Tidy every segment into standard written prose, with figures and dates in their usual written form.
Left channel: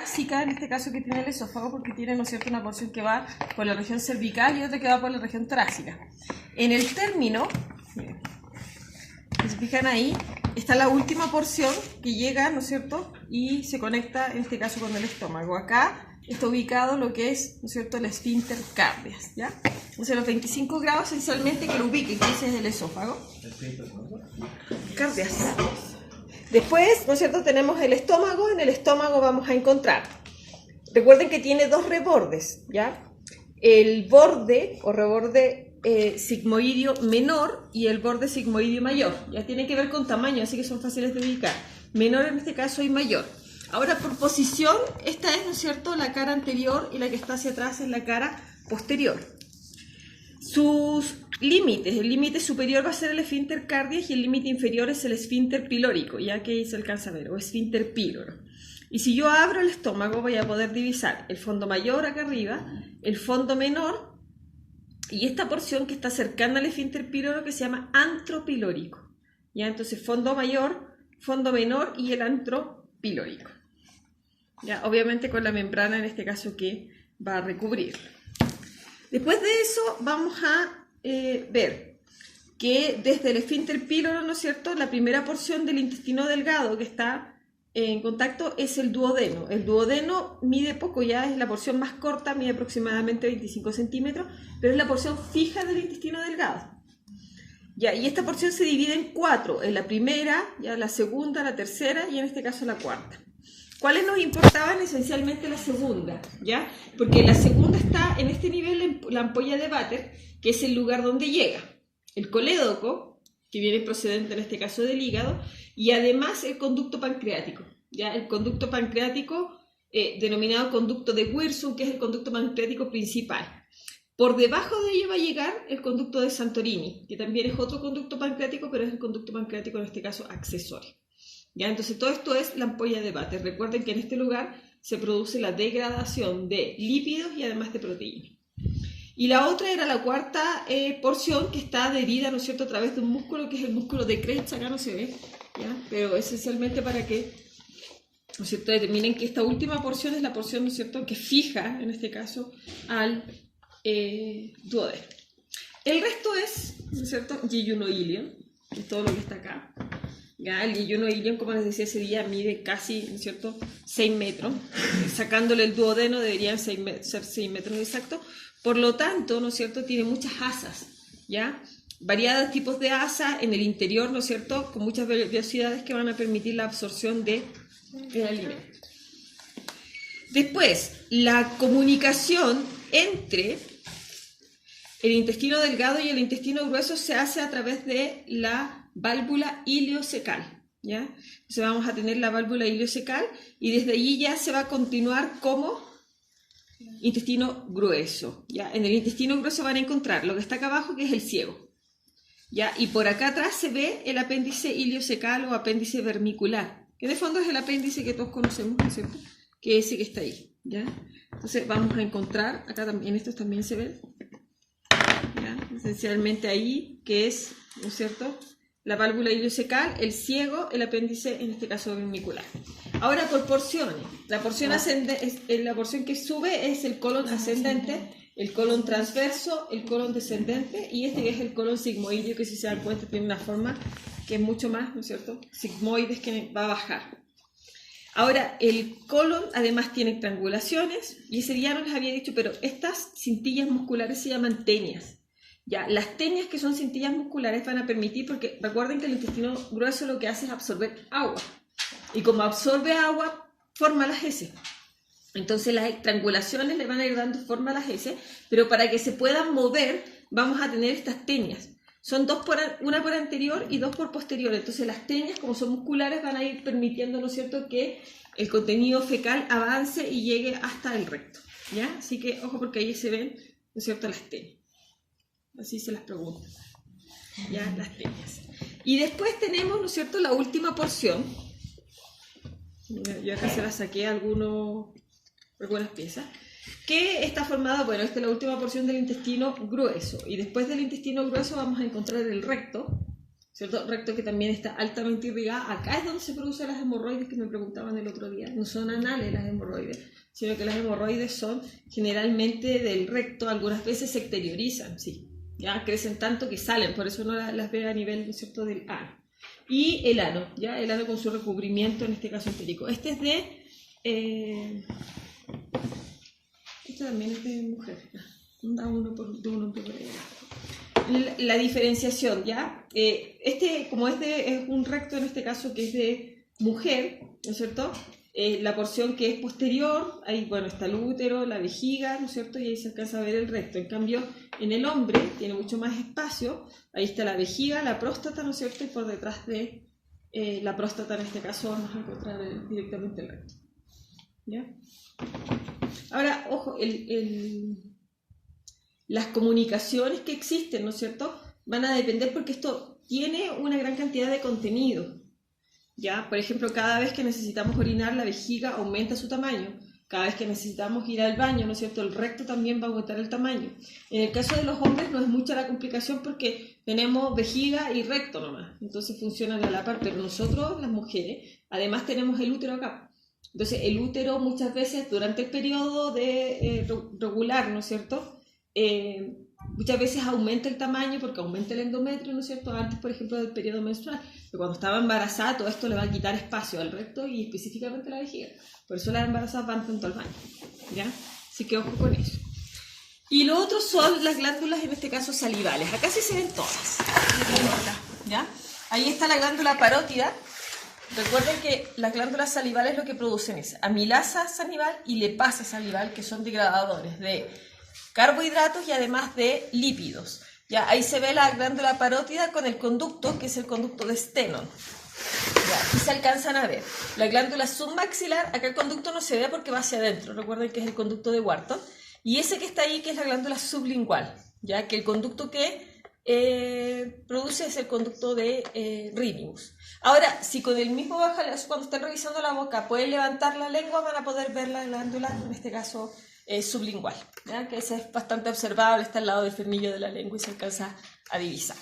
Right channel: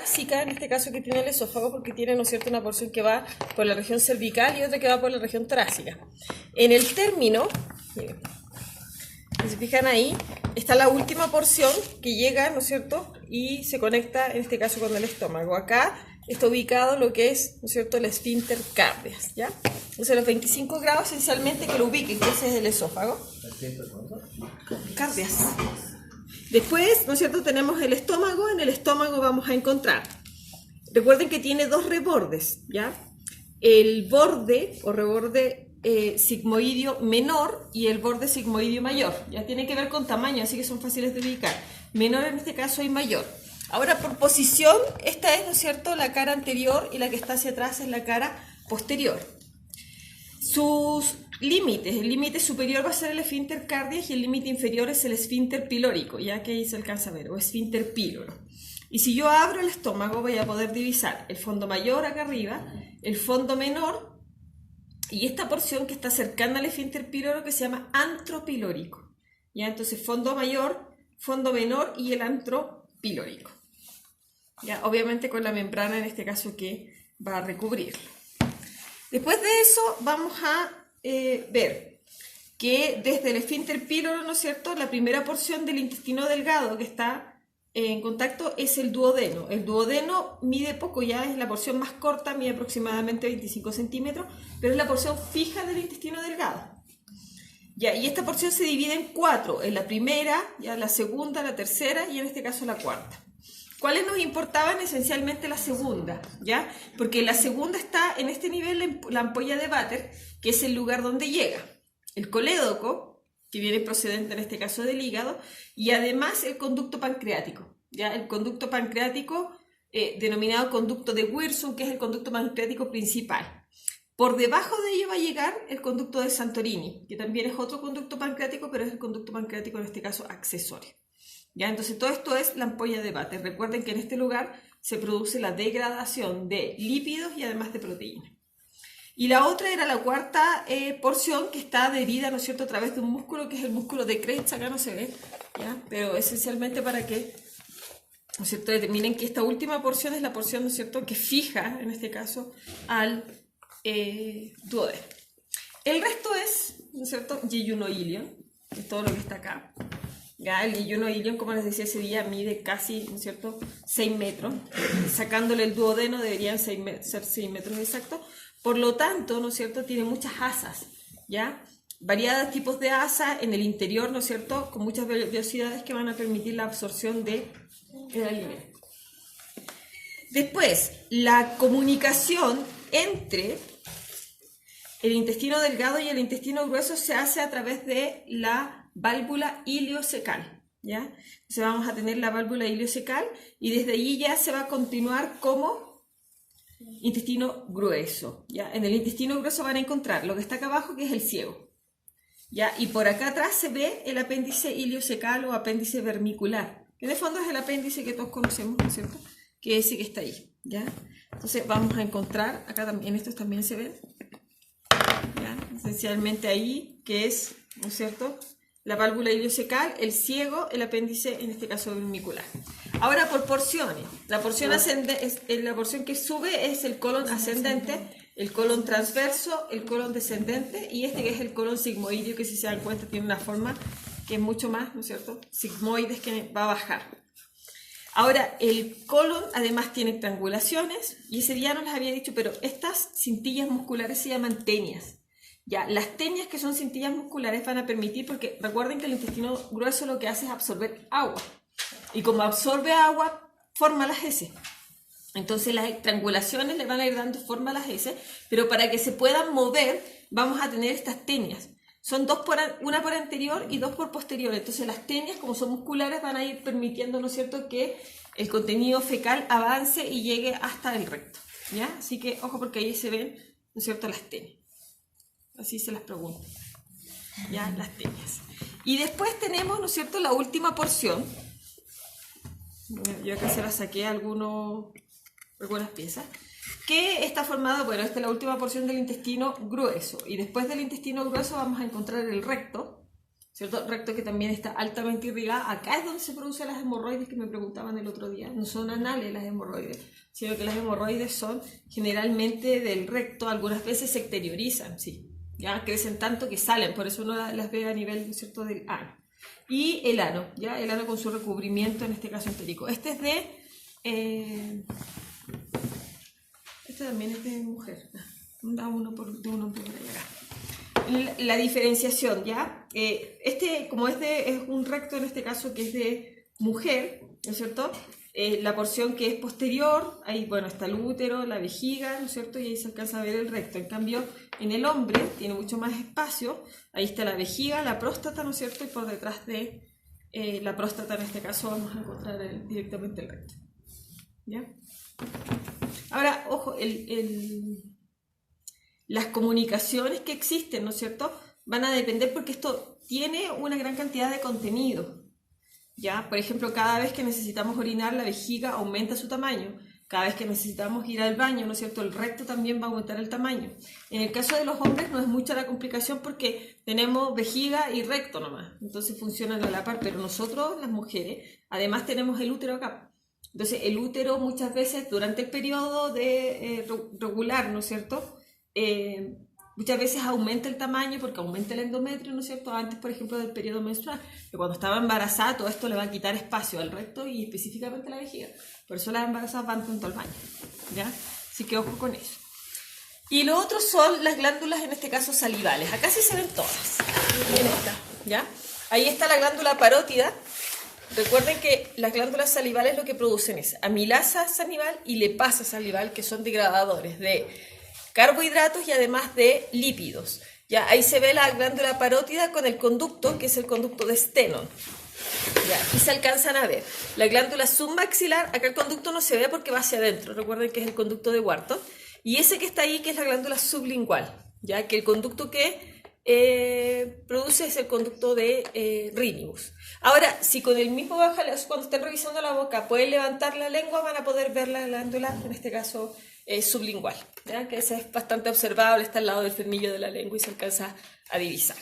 Básica, en este caso que tiene el esófago, porque tiene, ¿no es cierto?, una porción que va por la región cervical y otra que va por la región torácica. En el término, miren, si se fijan ahí, está la última porción que llega, ¿no es cierto?, y se conecta, en este caso, con el estómago. Acá está ubicado lo que es, ¿no es cierto?, el esfínter cardias, ¿ya? Entonces, los 25 grados, esencialmente, que lo ubiquen, que ese es el esófago. Cardias. Después, ¿no es cierto?, tenemos el estómago. En el estómago vamos a encontrar, recuerden que tiene dos rebordes, ¿ya? El borde o reborde sigmoideo menor y el borde sigmoideo mayor. Ya tiene que ver con tamaño, así que son fáciles de ubicar. Menor en este caso y mayor. Ahora, por posición, esta es, ¿no es cierto?, la cara anterior y la que está hacia atrás es la cara posterior. Sus límites, el límite superior va a ser el esfínter cardias y el límite inferior es el esfínter pilórico, ya que ahí se alcanza a ver, o esfínter píloro. Y si yo abro el estómago voy a poder divisar el fondo mayor acá arriba, el fondo menor y esta porción que está cercana al esfínter píloro que se llama antro pilórico. ¿Ya? Entonces fondo mayor, fondo menor y el antro pilórico. ¿Ya? Obviamente con la membrana en este caso que va a recubrirlo. Después de eso vamos a ver que desde el esfínter píloro, ¿no es cierto?, la primera porción del intestino delgado que está en contacto es el duodeno. El duodeno mide poco, ya es la porción más corta, mide aproximadamente 25 centímetros, pero es la porción fija del intestino delgado. Ya, y esta porción se divide en cuatro, en la primera, ya la segunda, la tercera y en este caso la cuarta. ¿Cuáles nos importaban? Esencialmente la segunda, ¿ya? Porque la segunda está en este nivel, la ampolla de Vater, que es el lugar donde llega el colédoco, que viene procedente en este caso del hígado, y además el conducto pancreático, ¿ya? El conducto pancreático, denominado conducto de Wirsung, que es el conducto pancreático principal. Por debajo de ello va a llegar el conducto de Santorini, que también es otro conducto pancreático, pero es el conducto pancreático en este caso accesorio. ¿Ya? Entonces todo esto es la ampolla de Vater. Recuerden que en este lugar se produce la degradación de lípidos y además de proteínas. Y la otra era la cuarta porción que está adherida, ¿no es cierto?, a través de un músculo que es el músculo de Krebs. Acá no se ve, ¿ya? Pero esencialmente para que, ¿no es cierto?, determinen que esta última porción es la porción, ¿no es cierto?, que fija en este caso al duodeno. El resto es, ¿no es cierto?, yeyunoilion, que es todo lo que está acá. Ya, el yeyunoilion, como les decía ese día, mide casi, ¿no es cierto?, 6 metros. Sacándole el duodeno deberían ser 6 metros exactos. Por lo tanto, ¿no es cierto?, tiene muchas asas, ¿ya? Variados tipos de asas en el interior, ¿no es cierto?, con muchas velocidades que van a permitir la absorción del alimento. Después, la comunicación entre el intestino delgado y el intestino grueso se hace a través de la válvula iliocecal, ¿ya? Entonces vamos a tener la válvula iliocecal y desde allí ya se va a continuar como intestino grueso, ¿ya? En el intestino grueso van a encontrar lo que está acá abajo, que es el ciego, ¿ya? Y por acá atrás se ve el apéndice iliocecal o apéndice vermicular, que en el fondo es el apéndice que todos conocemos, ¿no es cierto?, que es ese que está ahí, ¿ya? Entonces vamos a encontrar, acá también, estos también se ven, ¿ya? Esencialmente ahí, que es, ¿no es cierto?, la válvula iliocecal, el ciego, el apéndice, en este caso vermicular. Ahora por porciones. La porción la porción que sube es el colon ascendente, el colon transverso, el colon descendente y este que es el colon sigmoideo, que si se dan cuenta tiene una forma que es mucho más, ¿no es cierto?, sigmoides, que va a bajar. Ahora, el colon además tiene triangulaciones y ese día no les había dicho, pero estas cintillas musculares se llaman tenias. Ya, las tenias, que son cintillas musculares, van a permitir, porque recuerden que el intestino grueso lo que hace es absorber agua. Y como absorbe agua, forma las heces. Entonces las triangulaciones le van a ir dando forma a las heces, pero para que se puedan mover, vamos a tener estas tenias. Son una por anterior y dos por posterior. Entonces las tenias, como son musculares, van a ir permitiendo, ¿no es cierto?, que el contenido fecal avance y llegue hasta el recto, ¿ya? Así que ojo, porque ahí se ven, ¿no es cierto?, las tenias. Así se las pregunto, ya, las tenias. Y después tenemos, ¿no es cierto?, la última porción. Yo acá se las saqué algunas piezas, que está formada, bueno, esta es la última porción del intestino grueso. Y después del intestino grueso vamos a encontrar el recto, ¿cierto? Recto que también está altamente irrigada. Acá es donde se producen las hemorroides que me preguntaban el otro día. No son anales las hemorroides, sino que las hemorroides son generalmente del recto, algunas veces se exteriorizan, sí. Ya crecen tanto que salen, por eso uno las ve a nivel, ¿no es cierto?, del ano. Y el ano, ya el ano con su recubrimiento, en este caso entérico. Este es de... este también es de mujer. Da uno por uno. La diferenciación, ¿ya? Como es un recto en este caso que es de mujer, ¿no es cierto? La porción que es posterior, ahí, bueno, está el útero, la vejiga, ¿no es cierto? Y ahí se alcanza a ver el recto. En cambio, en el hombre tiene mucho más espacio, ahí está la vejiga, la próstata, ¿no es cierto? Y por detrás de la próstata, en este caso, vamos a encontrar directamente el recto, ¿ya? Ahora, ojo, las comunicaciones que existen, ¿no es cierto?, van a depender porque esto tiene una gran cantidad de contenido, ¿ya? Por ejemplo, cada vez que necesitamos orinar, la vejiga aumenta su tamaño. Cada vez que necesitamos ir al baño, ¿no es cierto?, el recto también va a aumentar el tamaño. En el caso de los hombres no es mucha la complicación porque tenemos vejiga y recto nomás, entonces funcionan a la par, pero nosotros, las mujeres, además tenemos el útero acá. Entonces, el útero muchas veces durante el periodo regular, ¿no es cierto?, muchas veces aumenta el tamaño porque aumenta el endometrio, ¿no es cierto?, antes, por ejemplo, del periodo menstrual. Pero cuando estaba embarazada, todo esto le va a quitar espacio al recto y específicamente a la vejiga. Por eso las embarazadas van tanto al baño, ¿ya? Así que ojo con eso. Y lo otro son las glándulas, en este caso salivales. Acá sí se ven todas, ¿ya? Ahí está la glándula parótida. Recuerden que las glándulas salivales lo que producen es amilasa salival y lipasa salival, que son degradadores de carbohidratos y además de lípidos. Ya, ahí se ve la glándula parótida con el conducto, que es el conducto de Stenone. Ya, aquí se alcanzan a ver. La glándula submaxilar, acá el conducto no se ve porque va hacia adentro. Recuerden que es el conducto de Wharton. Y ese que está ahí, que es la glándula sublingual. Ya, que el conducto que produce es el conducto de Rhinibus. Ahora, si con el mismo cuando estén revisando la boca pueden levantar la lengua, van a poder ver la glándula, en este caso sublingual, ¿ya? Que esa es bastante observable, está al lado del frenillo de la lengua y se alcanza a divisar,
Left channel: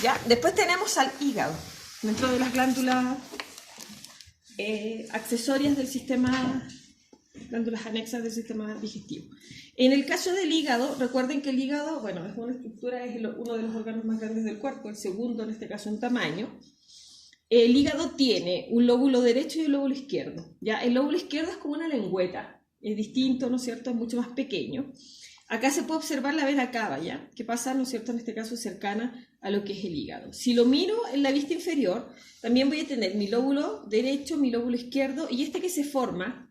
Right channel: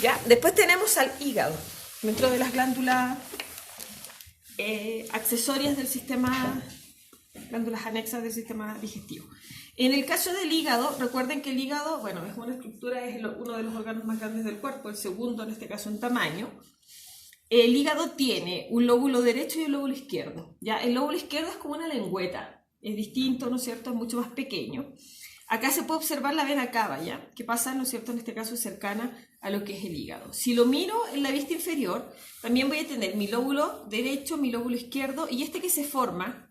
¿ya? Después tenemos al hígado, dentro de las glándulas accesorias del sistema, glándulas anexas del sistema digestivo. En el caso del hígado, recuerden que el hígado, bueno, es una estructura, es uno de los órganos más grandes del cuerpo, el segundo en este caso en tamaño. El hígado tiene un lóbulo derecho y un lóbulo izquierdo, ¿ya? El lóbulo izquierdo es como una lengüeta, es distinto, ¿no es cierto?, es mucho más pequeño. Acá se puede observar la vena cava, ¿ya?, que pasa, ¿no es cierto?, en este caso cercana a lo que es el hígado. Si lo miro en la vista inferior, también voy a tener mi lóbulo derecho, mi lóbulo izquierdo, y este que se forma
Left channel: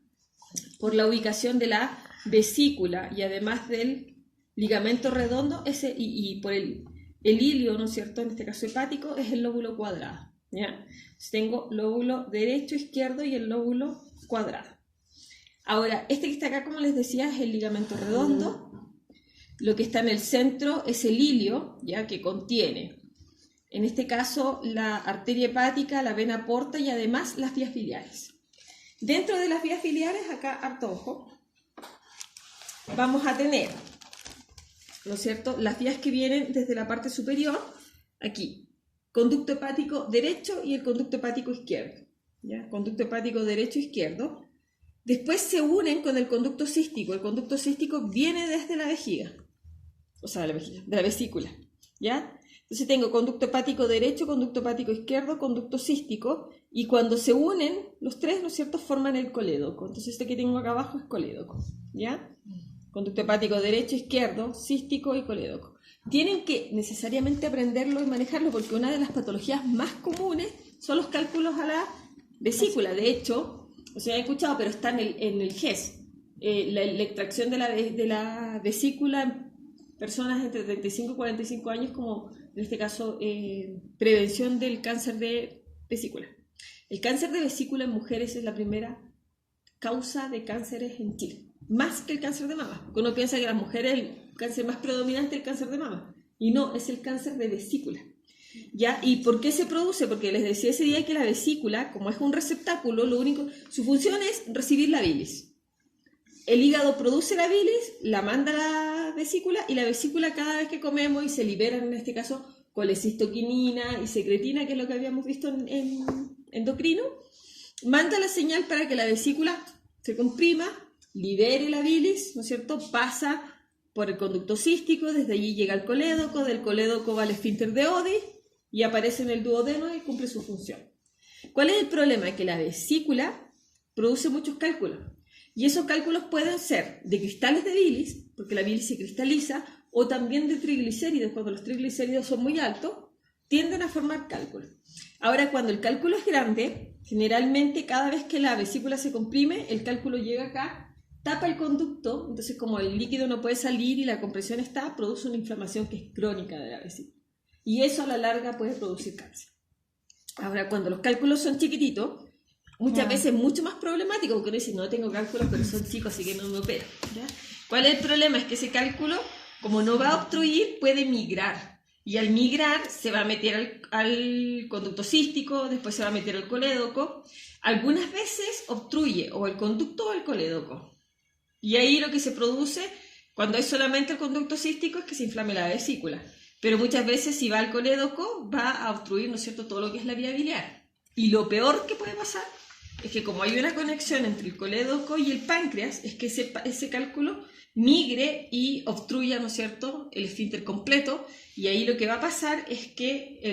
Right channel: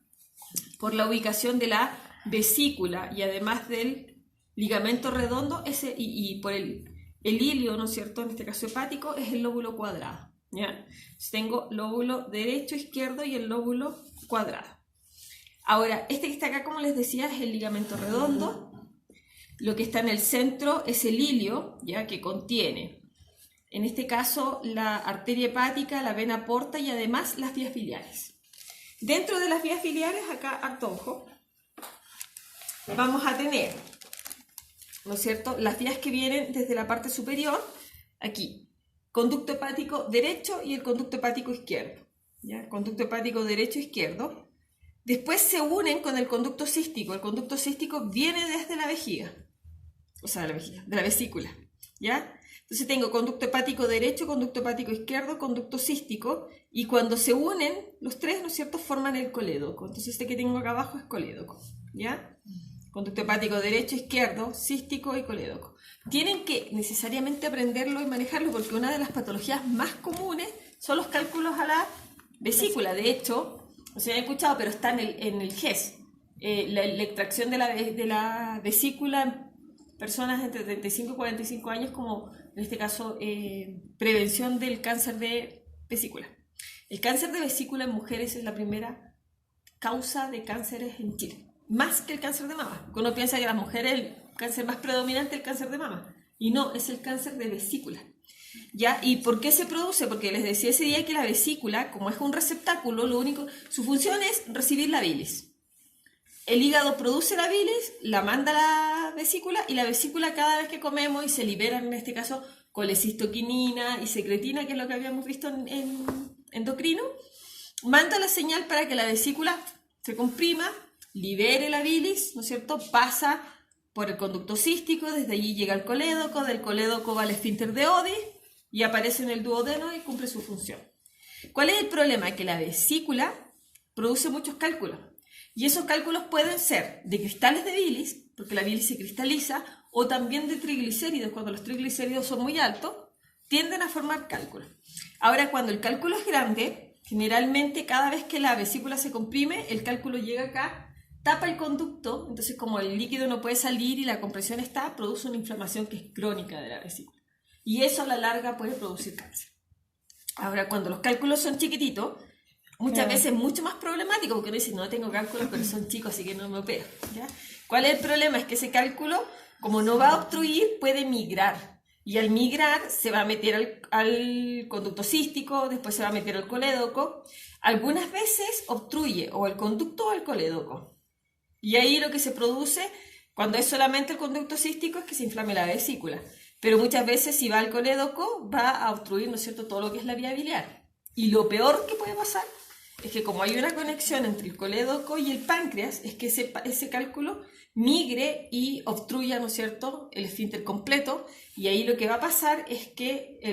por la ubicación de la vesícula y además del ligamento redondo, ese, y por el hilio, ¿no es cierto?, en este caso hepático, es el lóbulo cuadrado, ¿ya? Entonces tengo lóbulo derecho, izquierdo y el lóbulo cuadrado. Ahora, este que está acá, como les decía, es el ligamento redondo. Lo que está en el centro es el hilio, ¿ya?, que contiene, en este caso, la arteria hepática, la vena porta y además las vías biliares. Dentro de las vías biliares, acá, harto ojo, vamos a tener, ¿no es cierto?, las vías que vienen desde la parte superior, aquí, conducto hepático derecho y el conducto hepático izquierdo, ¿ya? Conducto hepático derecho e izquierdo. Después se unen con el conducto cístico. El conducto cístico viene desde la vejiga, o sea, de la vesícula, ¿ya? Entonces tengo conducto hepático derecho, conducto hepático izquierdo, conducto cístico, y cuando se unen los tres, ¿no es cierto?, forman el colédoco. Entonces este que tengo acá abajo es colédoco, ¿ya? Conducto hepático derecho, izquierdo, cístico y colédoco. Tienen que necesariamente aprenderlo y manejarlo porque una de las patologías más comunes son los cálculos a la vesícula. De hecho, o sea, he escuchado, pero está en el GES, la extracción de la vesícula en personas entre 35 y 45 años, como en este caso prevención del cáncer de vesícula. El cáncer de vesícula en mujeres es la primera causa de cánceres en Chile, más que el cáncer de mama. Porque uno piensa que las mujeres el cáncer más predominante es el cáncer de mama, y no, es el cáncer de vesícula. ¿Ya? ¿Y por qué se produce? Porque les decía ese día que la vesícula, como es un receptáculo, su función es recibir la bilis. El hígado produce la bilis, la manda a la vesícula, y la vesícula cada vez que comemos y se liberan, en este caso, colecistoquinina y secretina, que es lo que habíamos visto en endocrino, manda la señal para que la vesícula se comprima, libere la bilis, ¿no es cierto? Pasa por el conducto cístico, desde allí llega al colédoco, del colédoco va al esfínter de Oddi y aparece en el duodeno y cumple su función. ¿Cuál es el problema? Que la vesícula produce muchos cálculos y esos cálculos pueden ser de cristales de bilis, porque la bilis se cristaliza, o también de triglicéridos. Cuando los triglicéridos son muy altos, tienden a formar cálculos. Ahora, cuando el cálculo es grande, generalmente cada vez que la vesícula se comprime, el cálculo llega acá, tapa el conducto, entonces como el líquido no puede salir y la compresión está, produce una inflamación que es crónica de la vesícula. Y eso a la larga puede producir cáncer. Ahora, cuando los cálculos son chiquititos, muchas veces es mucho más problemático, porque uno dice, no tengo cálculos, pero son chicos, así que no me opera, ¿ya? ¿Cuál es el problema? Es que ese cálculo, como no va a obstruir, puede migrar. Y al migrar se va a meter al conducto cístico, después se va a meter al colédoco. Algunas veces obstruye o el conducto o el colédoco. Y ahí lo que se produce, cuando es solamente el conducto cístico, es que se inflame la vesícula. Pero muchas veces si va al colédoco, va a obstruir, ¿no es cierto?, todo lo que es la vía biliar. Y lo peor que puede pasar es que como hay una conexión entre el colédoco y el páncreas, es que ese cálculo migre y obstruya, ¿no es cierto?, el esfínter completo, y ahí lo que va a pasar es que el